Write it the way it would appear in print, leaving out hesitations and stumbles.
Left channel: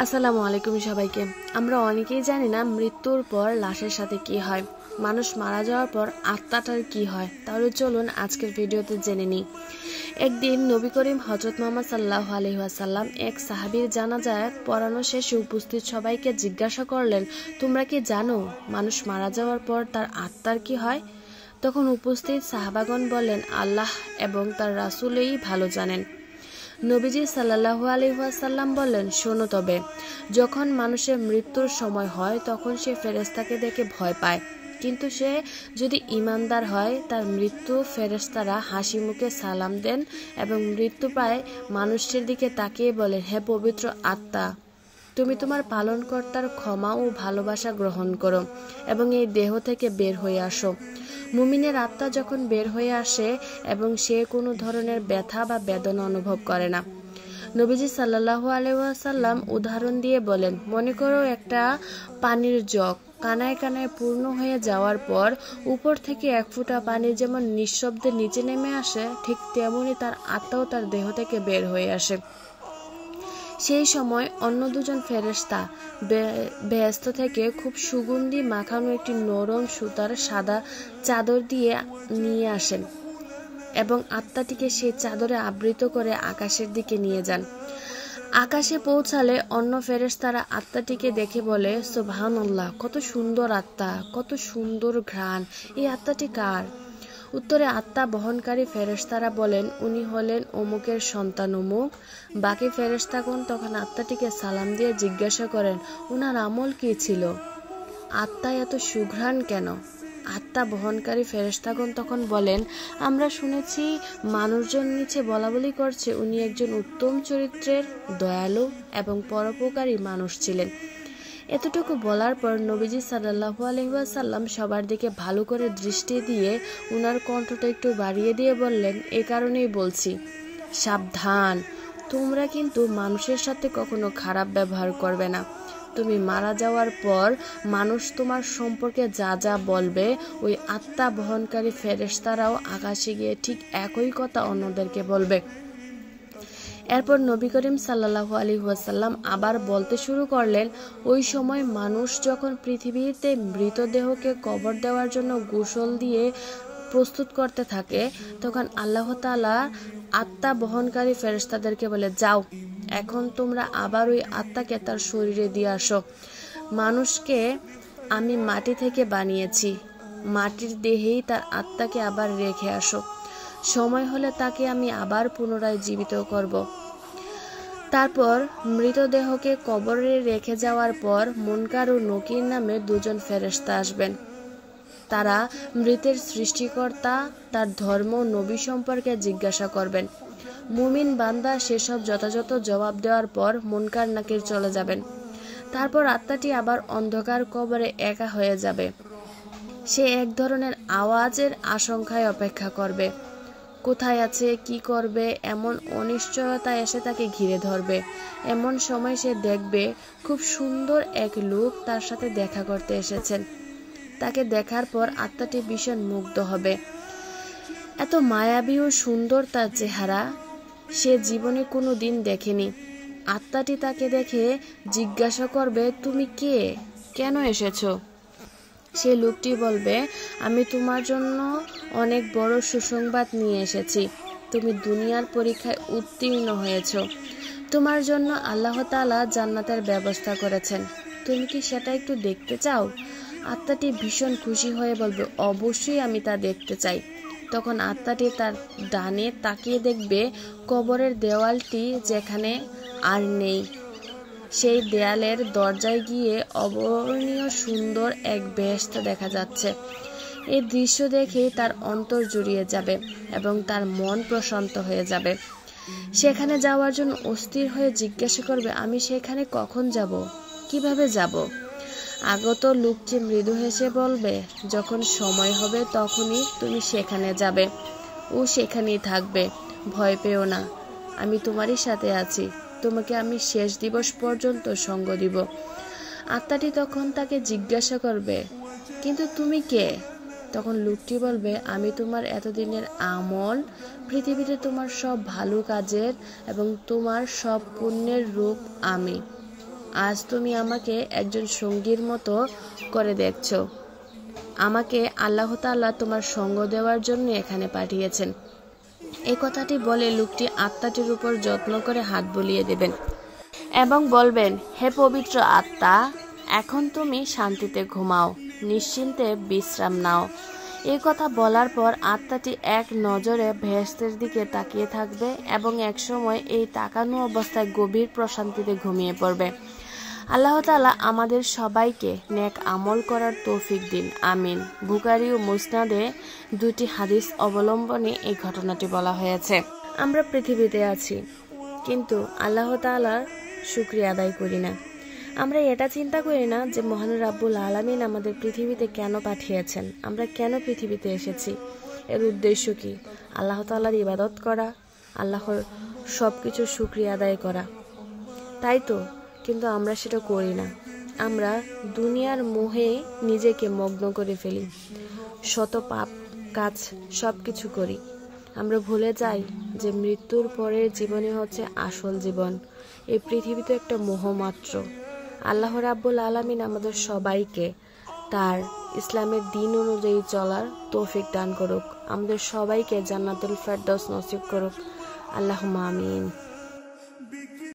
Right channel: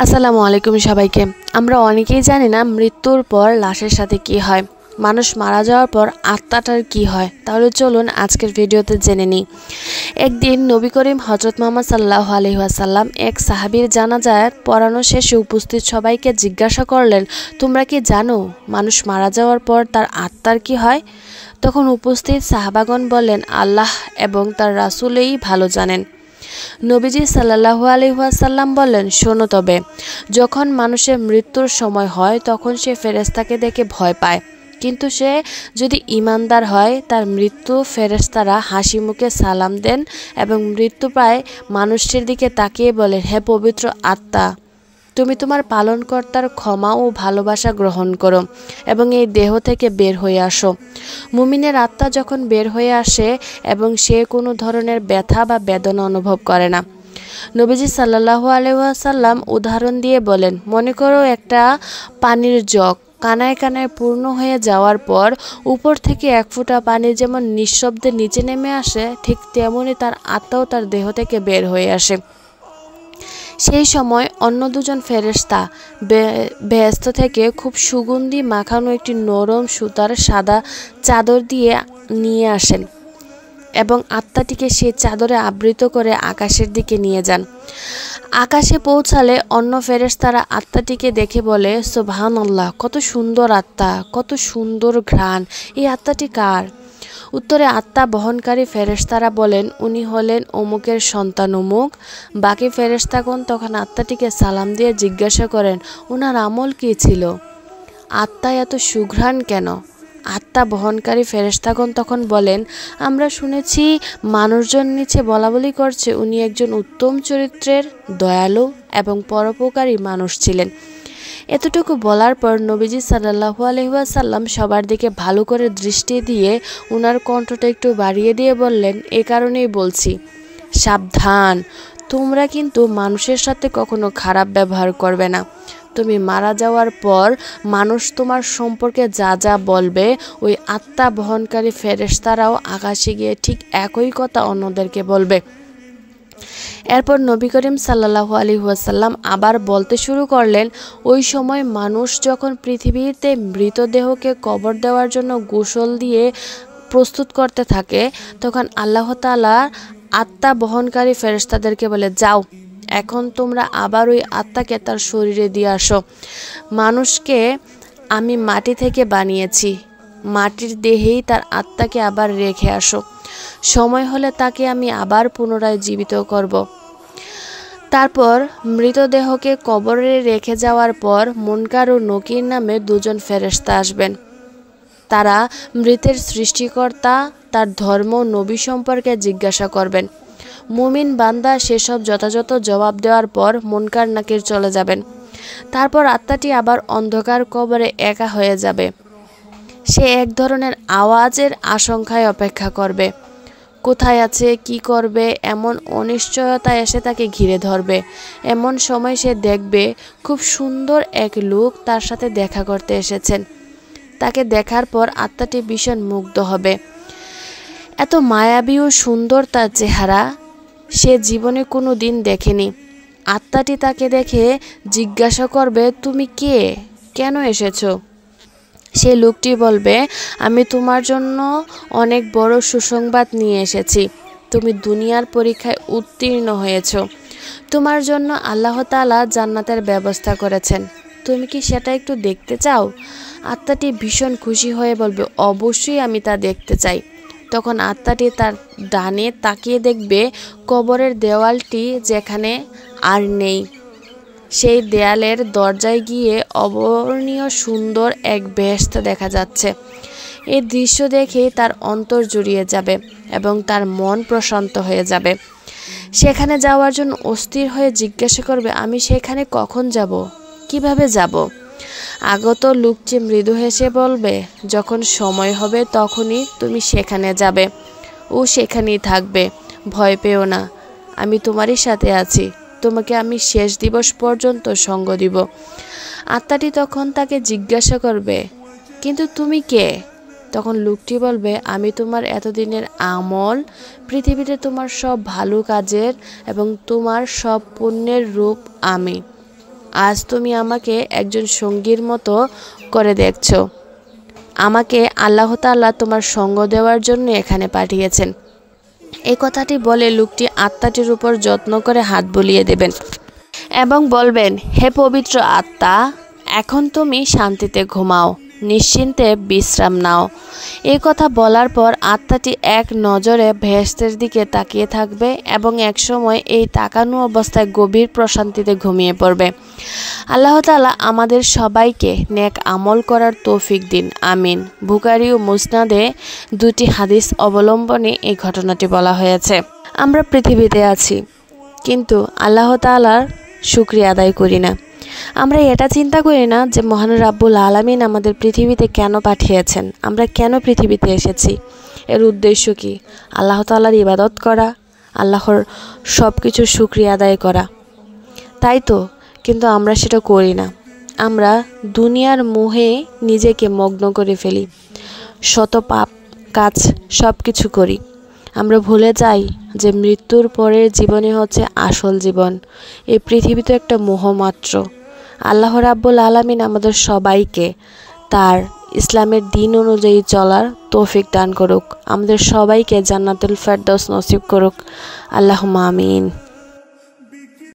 আসসালামু আলাইকুম সবাইকে। আমরা অনেকেই জানি না মৃত্যুর পর লাশের সাথে কি হয়, মানুষ মারা যাওয়ার পর আত্মাটার কি হয়। তাহলে চলুন আজকের ভিডিওতে জেনে নিই। একদিন নবী করিম হযরত মুহাম্মদ সাল্লাল্লাহু আলাইহি ওয়াসাল্লাম এক সাহাবীর জানাজায় পড়ানো শেষে উপস্থিত সবাইকে জিজ্ঞাসা করলেন, তোমরা কি জানো মানুষ মারা যাওয়ার পর তার আত্মার কি হয়? তখন উপস্থিত সাহাবাগণ বললেন, আল্লাহ এবং তার রাসূলই ভালো জানেন। নবীজি সাল্লাল্লাহু আলাইহি ওয়াসাল্লাম বললেন, শোনো তবে, যখন মানুষের মৃত্যুর সময় হয় তখন সে ফেরেশতাকে দেখে ভয় পায়, কিন্তু সে যদি ঈমানদার হয় তার মৃত্যু ফেরেশতারা হাসি মুখে সালাম দেন এবং মৃত্যুপ্রায় মানুষটির দিকে তাকিয়ে বলেন, হে পবিত্র আত্মা, তুমি তোমার পালনকর্তার ক্ষমা ও ভালোবাসা গ্রহণ করো এবং এই দেহ থেকে বের হয়ে আসো। মুমিনের আত্মা যখন বের হয়ে আসে এবং সে কোনো ধরনের ব্যথা বা বেদনা অনুভব করে না। নবীজি সাল্লাল্লাহু আলাইহি ওয়াসাল্লাম উদাহরণ দিয়ে বলেন, মনে করো একটা পানির জগ কানায় কানায় পূর্ণ হয়ে যাওয়ার পর উপর থেকে এক ফোঁটা পানি যেমন নিঃশব্দে নিচে নেমে আসে, ঠিক তেমনি তার আত্মাও তার দেহ থেকে বের হয়ে আসে। সেই সময় অন্য দুজন ফেরেশতা বেহেশত থেকে খুব সুগন্ধি মাখানো একটি নরম সুতার সাদা চাদর দিয়ে নিয়ে আসেন এবং আত্মাটিকে সেই চাদরে আবৃত করে আকাশের দিকে নিয়ে যান। আকাশে পৌঁছালে অন্য ফেরেশতারা আত্মাটিকে দেখে বলে, সুবহানাল্লাহ, কত সুন্দর আত্মা, কত সুন্দর ঘ্রাণ, এই আত্মাটি কার? উত্তরে আত্মা বহনকারী ফেরেশতারা বলেন, উনি হলেন অমুকের সন্তান অমুক। বাকি ফেরেশতাগণ তখন আত্মাটিকে সালাম দিয়ে জিজ্ঞাসা করেন, ওনার আমল কী ছিল? আত্মায় এত সুঘ্রাণ কেন? আত্মা বহনকারী ফেরেশতাগণ তখন বলেন, আমরা শুনেছি মানুষজন নিচে বলাবলি করছে উনি একজন উত্তম চরিত্রের, দয়ালু এবং পরোপকারী মানুষ ছিলেন। এতটুকু বলার পর নবীজি সাল্লাল্লাহু আলাইহি ওয়াসাল্লাম সবার দিকে ভালো করে দৃষ্টি দিয়ে উনার কণ্ঠটা একটু বাড়িয়ে দিয়ে বললেন, এ কারণেই বলছি, সাবধান, তোমরা কিন্তু মানুষের সাথে কখনো খারাপ ব্যবহার করবে না। তুমি মারা যাওয়ার পর মানুষ তোমার সম্পর্কে যা যা বলবে, ওই আত্মা বহনকারী ফেরেশতারাও আকাশে গিয়ে ঠিক একই কথা অন্যদেরকে বলবে। এরপর নবী করিম সাল্লাল্লাহু আলাইহি ওয়াসাল্লাম আবার বলতে শুরু করলেন, ওই সময় মানুষ যখন পৃথিবীতে মৃতদেহকে কবর দেওয়ার জন্য গোসল দিয়ে প্রস্তুত করতে থাকে, তখন আল্লাহ তাআলা আত্মা বহনকারী ফেরেশতাদেরকে বলে, যাও, এখন তোমরা আবার ওই আত্মাকে তার শরীরে দিয়ে আসো। মানুষকে আমি মাটি থেকে বানিয়েছি, মাটির দেহেই তার আত্মাকে আবার রেখে আসো। সময় হলে তাকে আমি আবার পুনরায় জীবিত করব। তারপর মৃতদেহকে কবরে রেখে যাওয়ার পর মুনকার ও নকির নামে দুজন ফেরেশতা আসবেন। তারা মৃতের সৃষ্টিকর্তা, তার ধর্ম, নবী সম্পর্কে জিজ্ঞাসা করবেন। মুমিন বান্দা সেসব যথাযথ জবাব দেওয়ার পর মুনকার নাকির চলে যাবেন। তারপর আত্মাটি আবার অন্ধকার কবরে একা হয়ে যাবে। সে এক ধরনের আওয়াজের আশঙ্কায় অপেক্ষা করবে। কোথায় আছে, কি করবে, এমন অনিশ্চয়তা এসে তাকে ঘিরে ধরবে। এমন সময় সে দেখবে খুব সুন্দর এক লোক তার সাথে দেখা করতে এসেছেন। তাকে দেখার পর আত্মাটি ভীষণ মুগ্ধ হবে। এত মায়াবী ও সুন্দর তার চেহারা সে জীবনে কোনো দিন দেখেনি। আত্মাটি তাকে দেখে জিজ্ঞাসা করবে, তুমি কে, কেন এসেছো? সে লোকটি বলবে, আমি তোমার জন্য অনেক বড় সুসংবাদ নিয়ে এসেছি। তুমি দুনিয়ার পরীক্ষায় উত্তীর্ণ হয়েছো। তোমার জন্য আল্লাহ তাআলা জান্নাতের ব্যবস্থা করেছেন। তুমি কি সেটা একটু দেখতে চাও? আত্মাটি ভীষণ খুশি হয়ে বলবে, অবশ্যই আমি তা দেখতে চাই। তখন আত্মাটি তার ডানে তাকিয়ে দেখবে কবরের দেওয়ালটি যেখানে আর নেই, সেই দেয়ালের দরজায় গিয়ে অবর্ণীয় সুন্দর এক বেহেশত দেখা যাচ্ছে। এই দৃশ্য দেখেই তার অন্তর জুড়িয়ে যাবে এবং তার মন প্রশান্ত হয়ে যাবে। সেখানে যাওয়ার জন্য অস্থির হয়ে জিজ্ঞাসা করবে, আমি সেখানে কখন যাব, কিভাবে যাব? আগত লোকটি মৃদু হেসে বলবে, যখন সময় হবে তখনই তুমি সেখানে যাবে ও সেখানেই থাকবে। ভয় পেও না, আমি তোমারই সাথে আছি। তোমাকে আমি শেষ দিবস পর্যন্ত সঙ্গ দিব। আত্মাটি তখন তাকে জিজ্ঞাসা করবে, কিন্তু তুমি কে? তখন লোকটি বলবে, আমি তোমার এতদিনের আমল, পৃথিবীতে তোমার সব ভালো কাজের এবং তোমার সব পুণ্যের রূপ আমি। আজ তুমি আমাকে একজন সঙ্গীর মতো করে দেখছো। আমাকে আল্লাহ তাআলা তোমার সঙ্গ দেওয়ার জন্য এখানে পাঠিয়েছেন। এই কথাটি বলে লোকটি আত্মাটির উপর যত্ন করে হাত বুলিয়ে দেবেন এবং বলবেন, হে পবিত্র আত্মা, এখন তুমি শান্তিতে ঘুমাও, নিশ্চিন্তে বিশ্রাম নাও। এই কথা বলার পর আত্মাটি এক নজরে বেহেশতের দিকে তাকিয়ে থাকবে এবং একসময় এই তাকানো অবস্থায় গভীর প্রশান্তিতে ঘুমিয়ে পড়বে। আল্লাহ তাআলা আমাদের সবাইকে নেক আমল করার তৌফিক দিন, আমিন। বুখারী ও মুসনাদে দুটি হাদিস অবলম্বনে এই ঘটনাটি বলা হয়েছে। আমরা পৃথিবীতে আছি, কিন্তু আল্লাহ তাআলার শুকরিয়া আদায় করি না। আমরা এটা চিন্তা করি না যে মহান রাব্বুল আলামিন আমাদের পৃথিবীতে কেন পাঠিয়েছেন, আমরা কেন পৃথিবীতে এসেছি, এর উদ্দেশ্য কি? আল্লাহ তাআলার ইবাদত করা, আল্লাহর সব কিছুর শুকরিয়া আদায় করা, তাই তো। কিন্তু আমরা সেটা করি না। আমরা দুনিয়ার মোহে নিজেকে মগ্ন করে ফেলি, শত পাপ কাজ সব কিছু করি। আমরা ভুলে যাই যে মৃত্যুর পরের জীবনে হচ্ছে আসল জীবন। এই পৃথিবী তো একটা মোহ মাত্র। আল্লাহ রাব্বুল আলামিন আমাদের সবাইকে তার ইসলামের দিন অনুযায়ী চলার তৌফিক দান করুক, আমাদের সবাইকে জান্নাতুল ফেরদৌস নসিব করুক। আল্লাহুম্মা আমিন।